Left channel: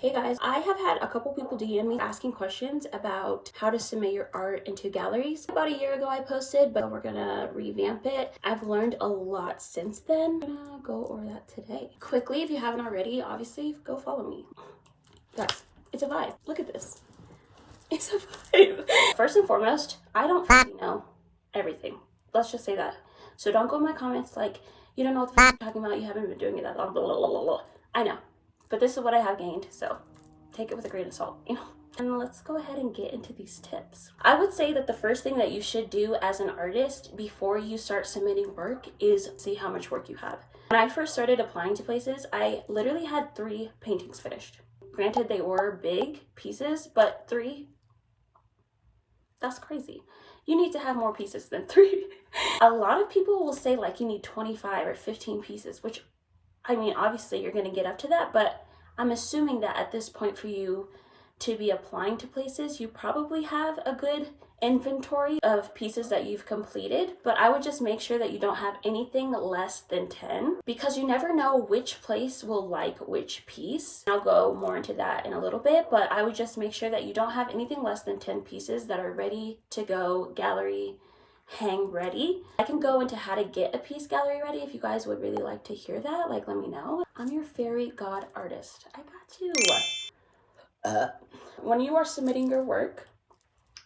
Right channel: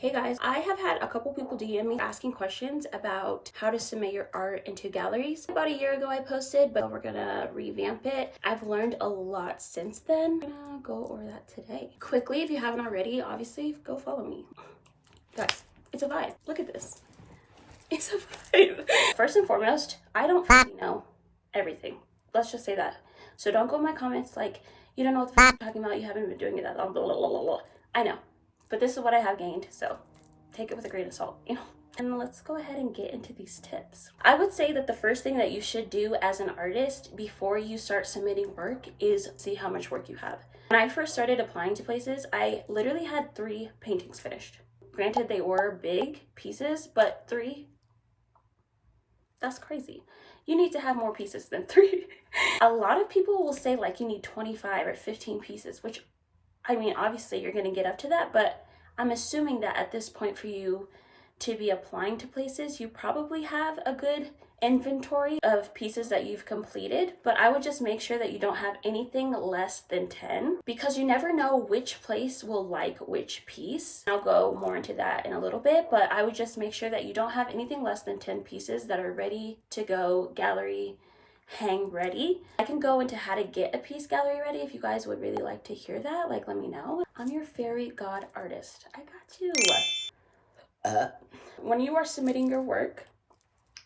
Hey guys, I have had a couple people DM me asking questions about how to submit your art into galleries. About a year ago I posted, but we're gonna revamp it. I've learned a lot since then. I'm gonna go over that today. Quickly, if you haven't already, obviously go follow me. Guys, it's a vibe. Look at this. It's a vibe. First and foremost, I don't know everything. Let's just say that. So don't go in my comments like, you don't know what the fuck you're talking about, you haven't been doing it, that blah, blah, blah, blah, blah. I know. But this is what I have gained, so take it with a grain of salt, you know? And let's go ahead and get into these tips. I would say that the first thing that you should do as an artist before you start submitting work is see how much work you have. When I first started applying to places, I literally had 3 paintings finished. Granted, they were big pieces, but 3, that's crazy. You need to have more pieces than 3. A lot of people will say like you need 25 or 15 pieces, which I mean, obviously you're going to get up to that, but I'm assuming that at this point for you to be applying to places, you probably have a good inventory of pieces that you've completed, but I would just make sure that you don't have anything less than 10 because you never know which place will like which piece. I'll go more into that in a little bit, but I would just make sure that you don't have anything less than 10 pieces that are ready to go gallery hang ready. I can go into how to get a piece gallery ready if you guys would really like to hear that. Like, let me know. I'm your fairy god artist. I got you. When you are submitting your work,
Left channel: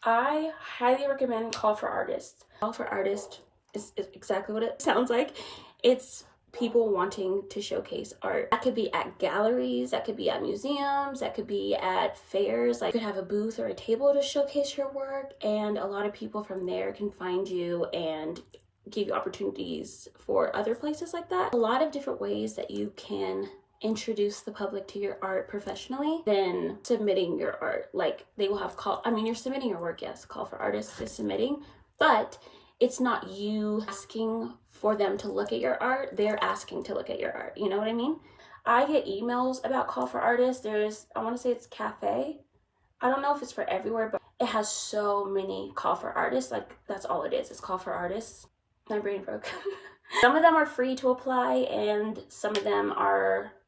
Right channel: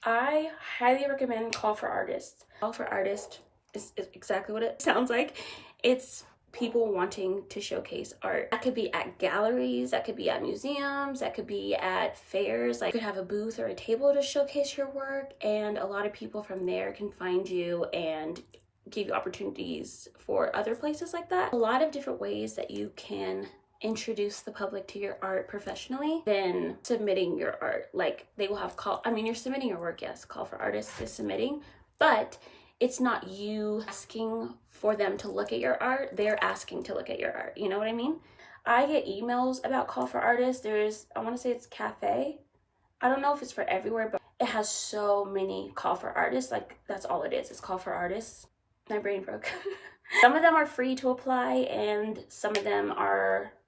I highly recommend call for artists. Call for artists is exactly what it sounds like. It's people wanting to showcase art. That could be at galleries, that could be at museums, that could be at fairs. Like you could have a booth or a table to showcase your work, and a lot of people from there can find you and give you opportunities for other places like that. A lot of different ways that you can introduce the public to your art professionally than submitting your art. Like they will have you're submitting your work, yes, call for artists is submitting, but it's not you asking for them to look at your art, they're asking to look at your art. You know what I mean? I get emails about call for artists. I want to say it's Cafe. I don't know if it's for everywhere, but it has so many call for artists. Like that's all it is. It's call for artists. My brain broke. Some of them are free to apply and some of them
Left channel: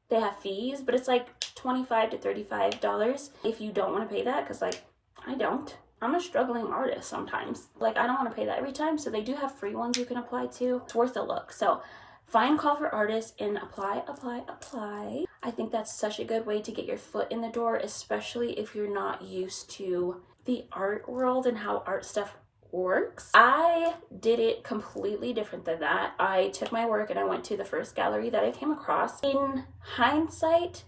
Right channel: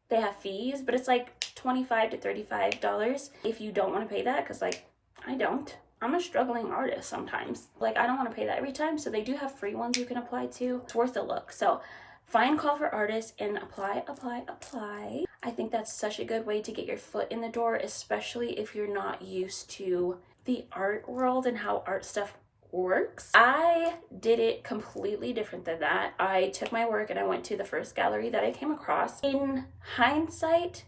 they have fees, but it's like $25 to $35 if you don't want to pay that, because like I don't. I'm a struggling artist sometimes. Like I don't want to pay that every time, so they do have free ones you can apply to. It's worth a look. So find call for artists and apply. I think that's such a good way to get your foot in the door, especially if you're not used to the art world and how art stuff works. I did it completely different than that. I took my work and I went to the first gallery that I came across. In hindsight,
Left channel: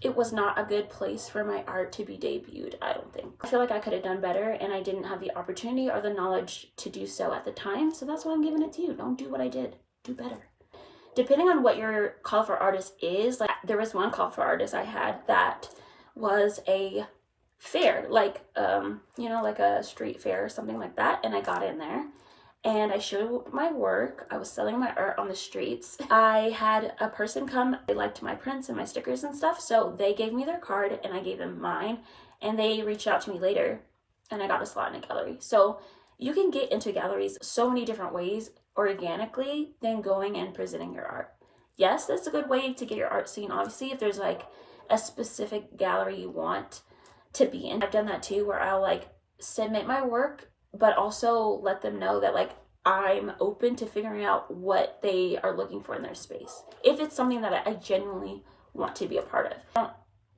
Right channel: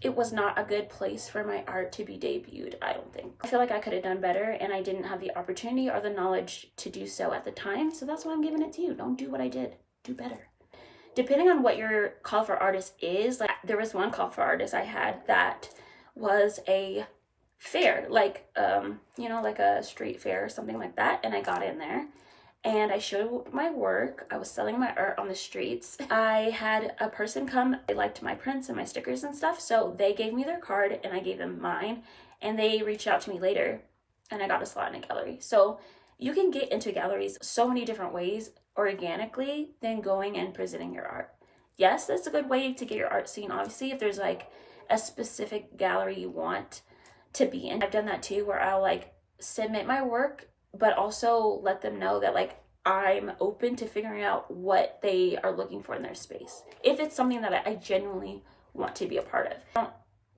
it was not a good place for my art to be debuted, I don't think. I feel like I could have done better and I didn't have the opportunity or the knowledge to do so at the time. So that's why I'm giving it to you. Don't do what I did. Do better. Depending on what your call for artist is, like there was one call for artist I had that was a fair, like, like a street fair or something like that. And I got in there and I showed my work. I was selling my art on the streets. I had a person come, they liked my prints and my stickers and stuff, so they gave me their card and I gave them mine, and they reached out to me later and I got a slot in a gallery. So you can get into galleries so many different ways organically than going and presenting your art. Yes, that's a good way to get your art seen, obviously, if there's like a specific gallery you want to be in. I've done that too, where I'll like submit my work but also let them know that like I'm open to figuring out what they are looking for in their space. If it's something that I genuinely want to be a part of. Don't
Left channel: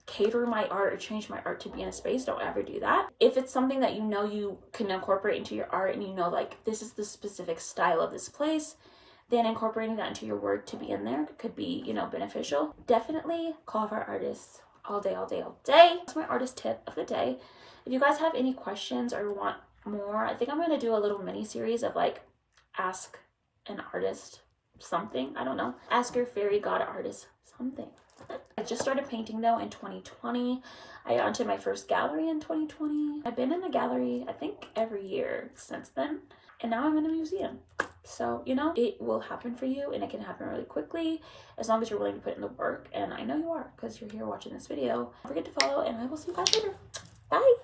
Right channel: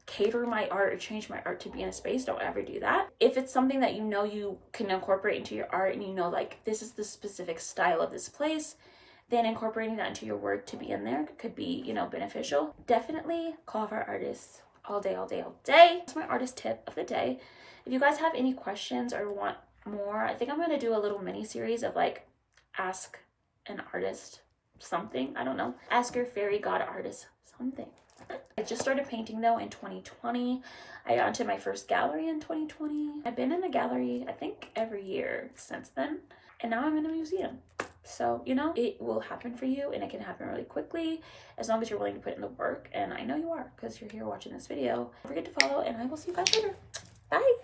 cater my art or change my art to be in a space. Don't ever do that. If it's something that you know you can incorporate into your art and you know like this is the specific style of this place, then incorporating that into your work to be in there could be, beneficial. Definitely call for artists all day. That's my artist tip of the day. If you guys have any questions or want more, I think I'm going to do a little mini series of like ask an artist something. I don't know. Ask your fairy god artist something. I just started painting though in 2020. I got into my first gallery in 2020. I've been in the gallery I think every year since then, and now I'm in a museum. So it will happen for you, and it can happen really quickly as long as you're willing to put in the work, and I know you are because you're here watching this video. Don't forget to follow, and I will see you guys later. Bye.